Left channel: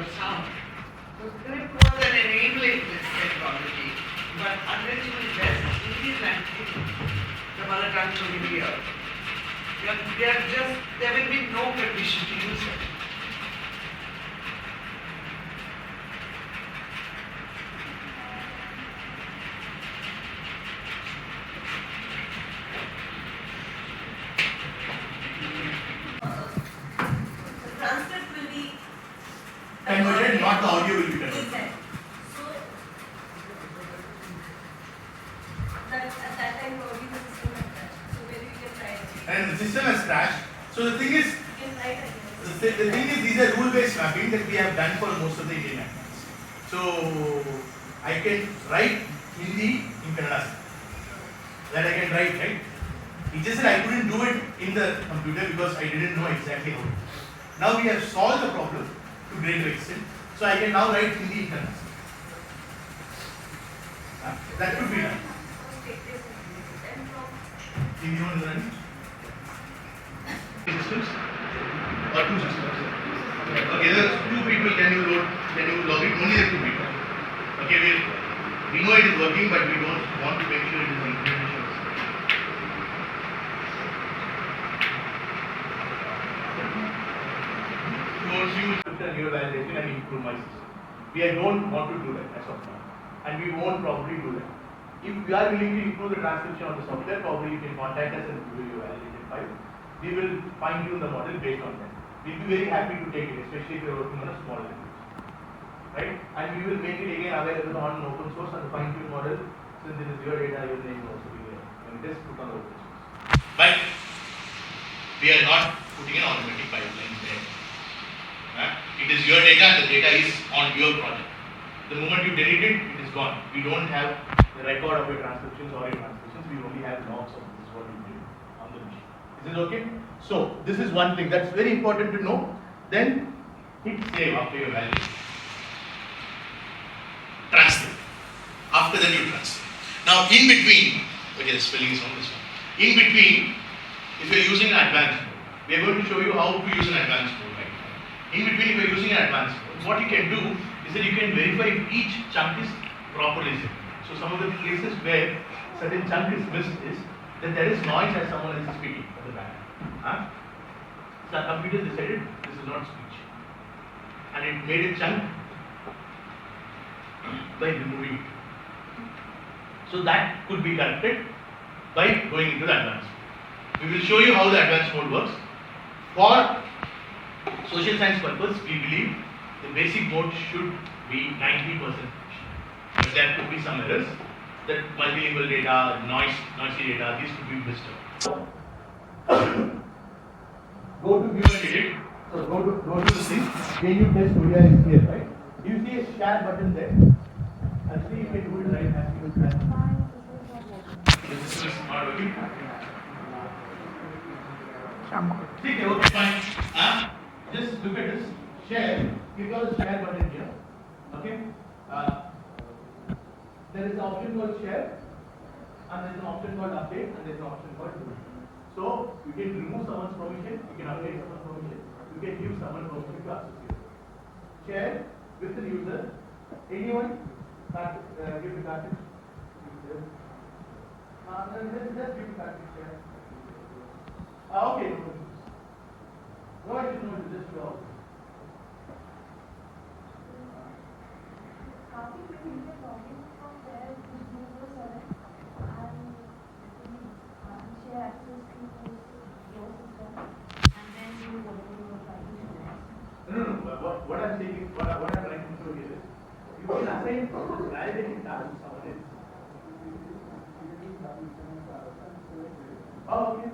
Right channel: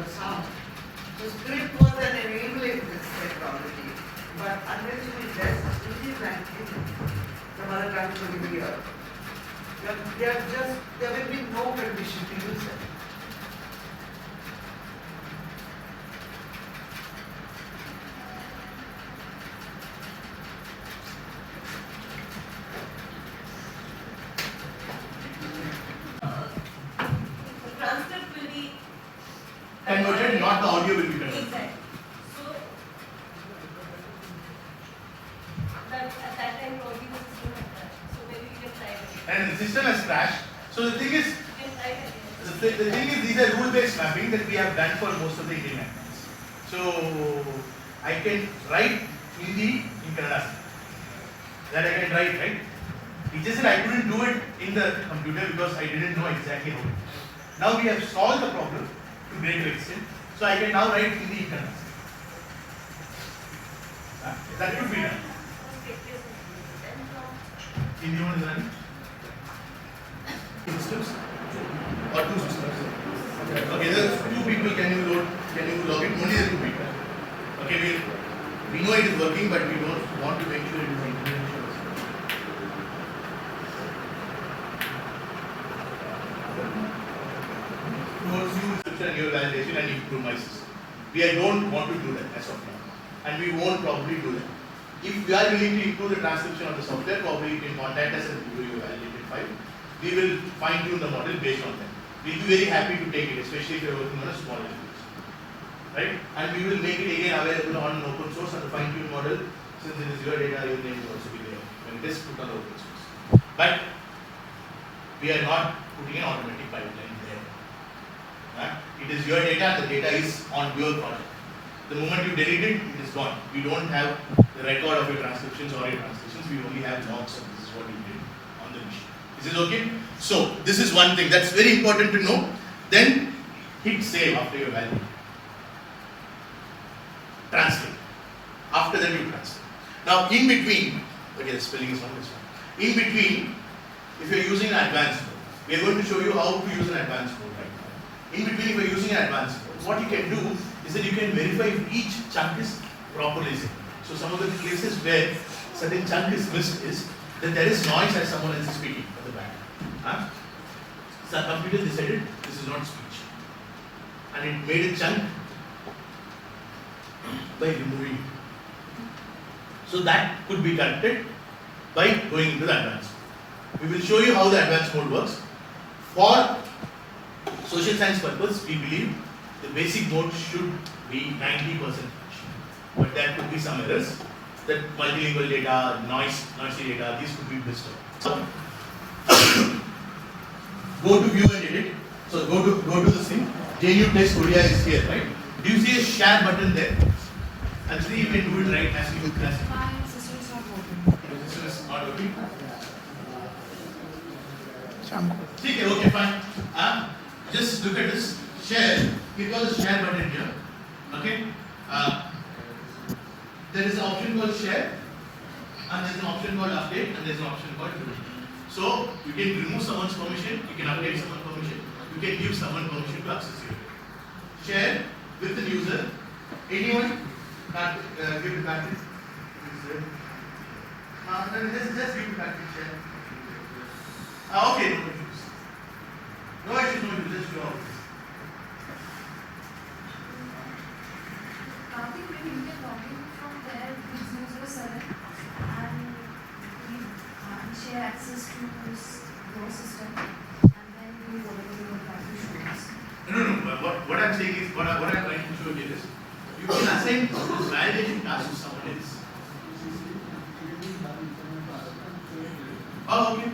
of sound. So script was an enabling this technology, but unless you invest in these languages, the mother tongue will be here. There will be no condition to use it. Transcript will be converted, not the audio will be converted. exact. So that at that time probably the system had crashed. So maybe we can try it. And the system has crashed. So the thing is, We can try it again. the thing is, these are rule-based mapping that we have done for most of the Indian languages. So I can write Hindi in Kannada. That I can write, right? He just said I couldn't do it in the computer because I didn't know exactly how to. Now we have solved the problem to greater extent. So I can now write Hindi in Kannada. That could be done. Okay, yes, sir. And from Hindi one is running. Systems or two systems. Okay, there are two people. Can you log it? Only the two people. Okay, we know it is working, but we don't want to make sure it is working. Force you to your validation and improve my system. We don't want to do that as of now, and we won't probably do that. If we are willing to improve the transcription of the software, probably you can contact us and give you a validated file. We will fine tune the model based on that. We'll be very happy to take it, especially if you are working on a small language, right? And we will make it again available on an open source and a fine tuned model. Since it is your data, your name will also be there when it is put on open source. But we are not putting an automatic pipeline there. It is your data, the data is on your project. The moment you delete it, it is gone. We don't have the record of your transcriptions or your translations, we only have logs of this is what you did on the machine. Is it okay? So, this is one thing that's very important to know. Then, hit save after your value. Transcript. After that, you transcript. Now, in between, okay, the spelling is on this one. In between, if you are using an advanced mode, we are going to show you how to use an advanced mode right now. In between, if you are using an advanced mode, what you can do is that you can verify if each chunk is properly set. So some of the places where certain chunk is missed is that there is noise as someone else is speaking at the back. So the computer decided this is not speech, and it made a chunk by removing it. So that could be corrected by going into the advanced mode. We will show you how the advanced mode works. For social science purpose, we believe the basic mode should be 90%. But there could be some errors. That multilingual data, noisy data, these could be missed out. Go to view and edit. So go to this thing. UnReaL-TecE Korea is here, right? Do you see a share button there? Actually, you can do it right as you press. My system is not working. Your system is not working. Okay, fine. Just look at this share. Click on the share button here. Okay. There is an option called share, and there is an option called update, and there is an option called permission. So you can remove someone's permission, you can update someone's permission, you can give someone permission to access your data. Share with the user. Anyone can give the packet. Just give the packet share. Okay, no issues. No issues, no issues. Just do all this. I think maybe you can log in from there with user 7 and share access to your system, and then you will whatever you would like to show us. No. What I'm saying is, what I'm trying to show here is, you can assign this validation task to someone else. Oh, okay.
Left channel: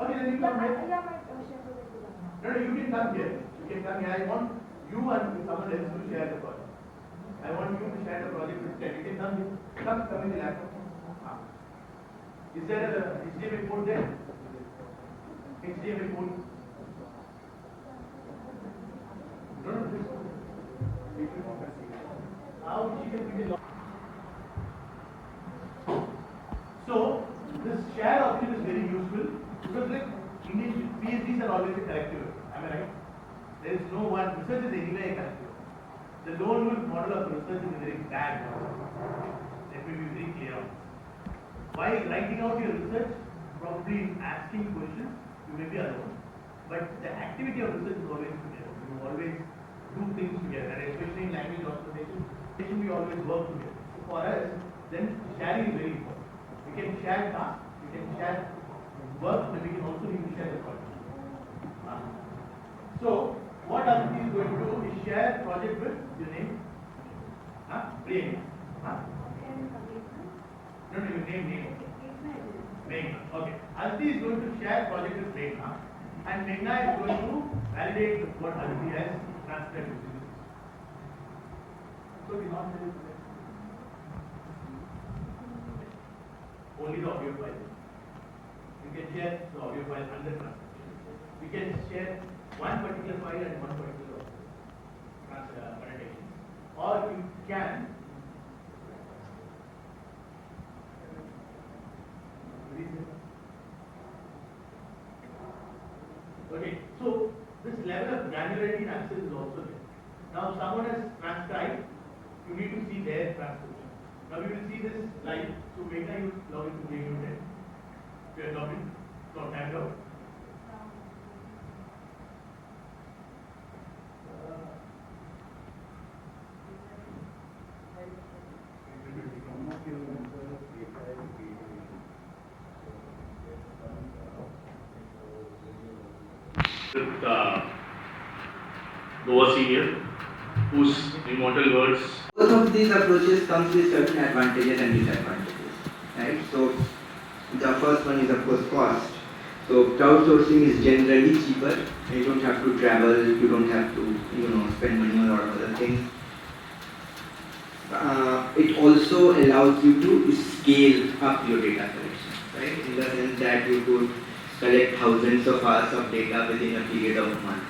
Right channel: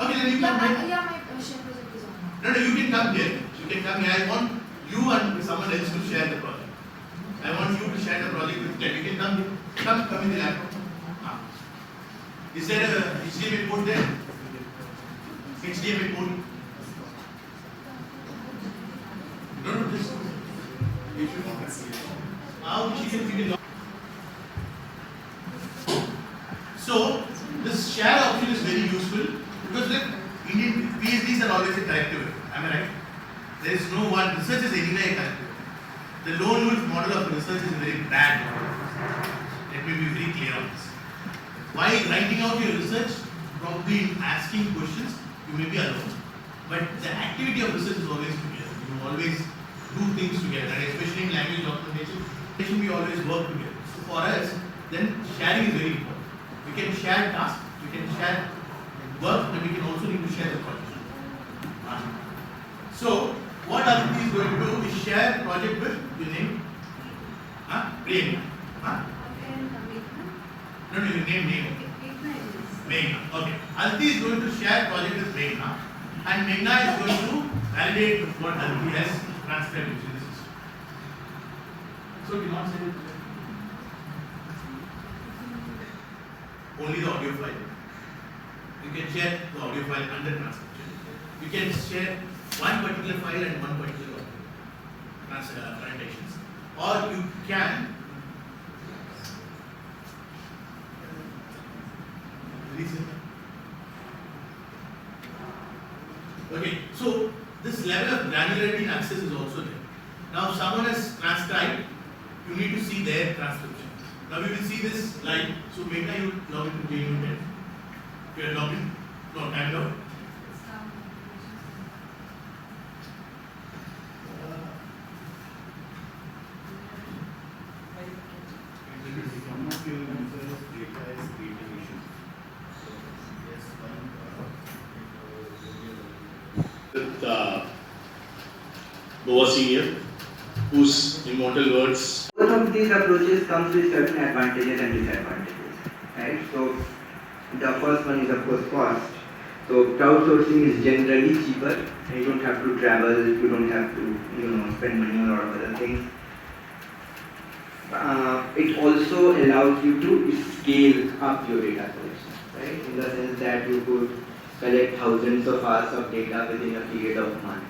Okay, then you can make. Yeah, my share project is on now. No, you can come here. You can come here. I want you and someone else to share the project. I want you to share the project with them. You can come here. Come in the laptop. Is there a HDMI port there? HDMI port? No, this. So, this share option is very useful because look, Indian PhDs are always a collective. Am I right? There is no one, research is anyway a collective. The lone wolf model of research is a very bad model. Let me be very clear on this. While writing out your research, probably asking questions, you may be alone. But the activity of research is always together. You always do things together, and especially in language documentation, we always work together. So for us, then sharing is very important. We can share tasks, we can share work, but we can also need to share the project. So what Aditi is going to do is share project with your name, Priyanka. No, your name. Meghna. Okay. Aditi is going to share project with Meghna, and Meghna is going to validate what Aditi has transcribed using the system. So do you want to say it? Only the audio file. You can share the audio file under transcription. You can share one particular file and one particular annotations, or you can okay, so this level of granularity in access is also there. Now, if someone has transcribed, you need to see their transcription. Now, we will see this live. So, Meghna, you log into JUnit. You are logged in. No, time log. With Noah Senior, whose immortal words. Both of these approaches comes with certain advantages and disadvantages, right? So the first one is of course cost. So crowdsourcing is generally cheaper. You don't have to travel, you don't have to spend money on a lot of other things. It also allows you to scale up your data collection, right? In the sense that you could collect thousands of hours of data within a period of months,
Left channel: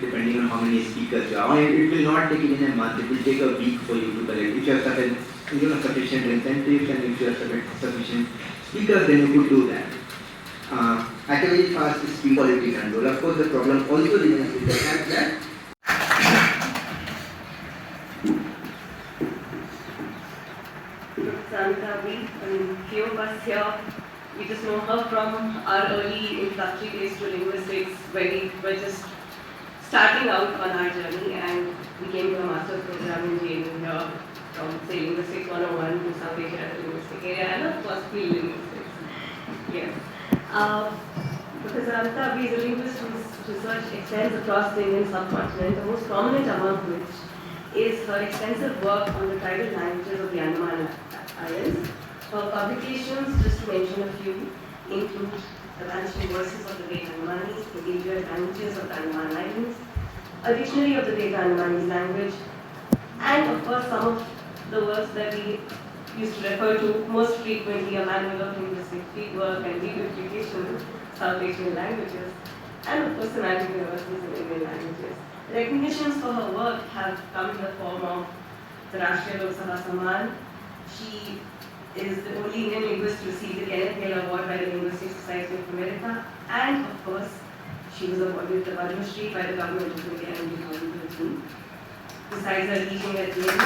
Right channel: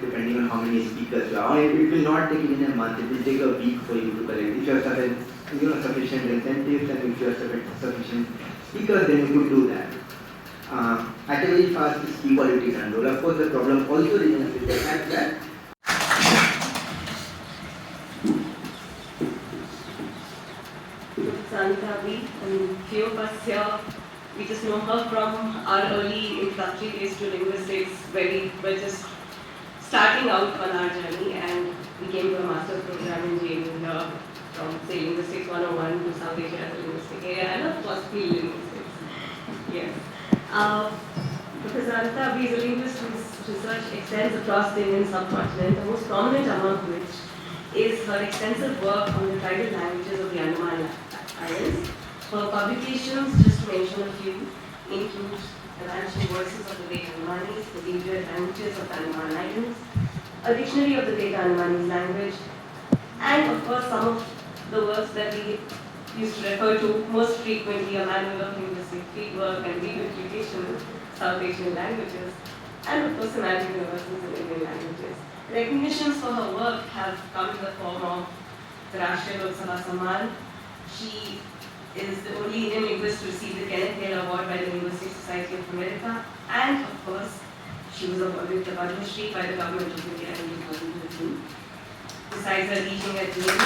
depending on how many speakers you have. It will not take even a month, it will take a week for you to collect. If you have sufficient incentives and if you have sufficient speakers, then you could do that. At a very fast speed quality control. Of course, the problem also remains with the fact that few of us here, we just know her from our early introductory days to linguistics, where we were just starting out on our journey, and we came to a master's program in JUnit from say Linguistics 101 to South Asia as a linguistic area, and of course field linguistics. Yes. Professor Anita is a linguist whose research extends across the Indian subcontinent, the most prominent among which is her extensive work on the tribal languages of the Andaman Islands. Her publications, just to mention a few, include The Vanishing Voices of the Great Andamanese, The Endangered Languages of the Andaman Islands, A Dictionary of the Great Andamanese Language, and of course some of the works that we used to refer to most frequently, a manual of linguistic fieldwork and reduplication, South Asian languages, and of course semantic universals in Indian languages. Recognitions for her work have come in the form of the Rashtriya Lok Sabha Samman. She is the only Indian linguist to receive the Kenneth Hale Award by the Linguistic Society of America, and of course, she was awarded the Padma Shri by the government of India in 2015. Besides her teaching at Yale,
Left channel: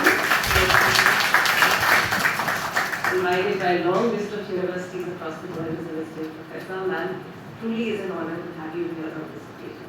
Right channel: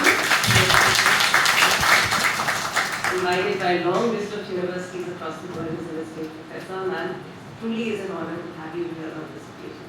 invited by a long list of universities across the world as a visiting professor. Ma'am, truly is an honor to have you here on this occasion.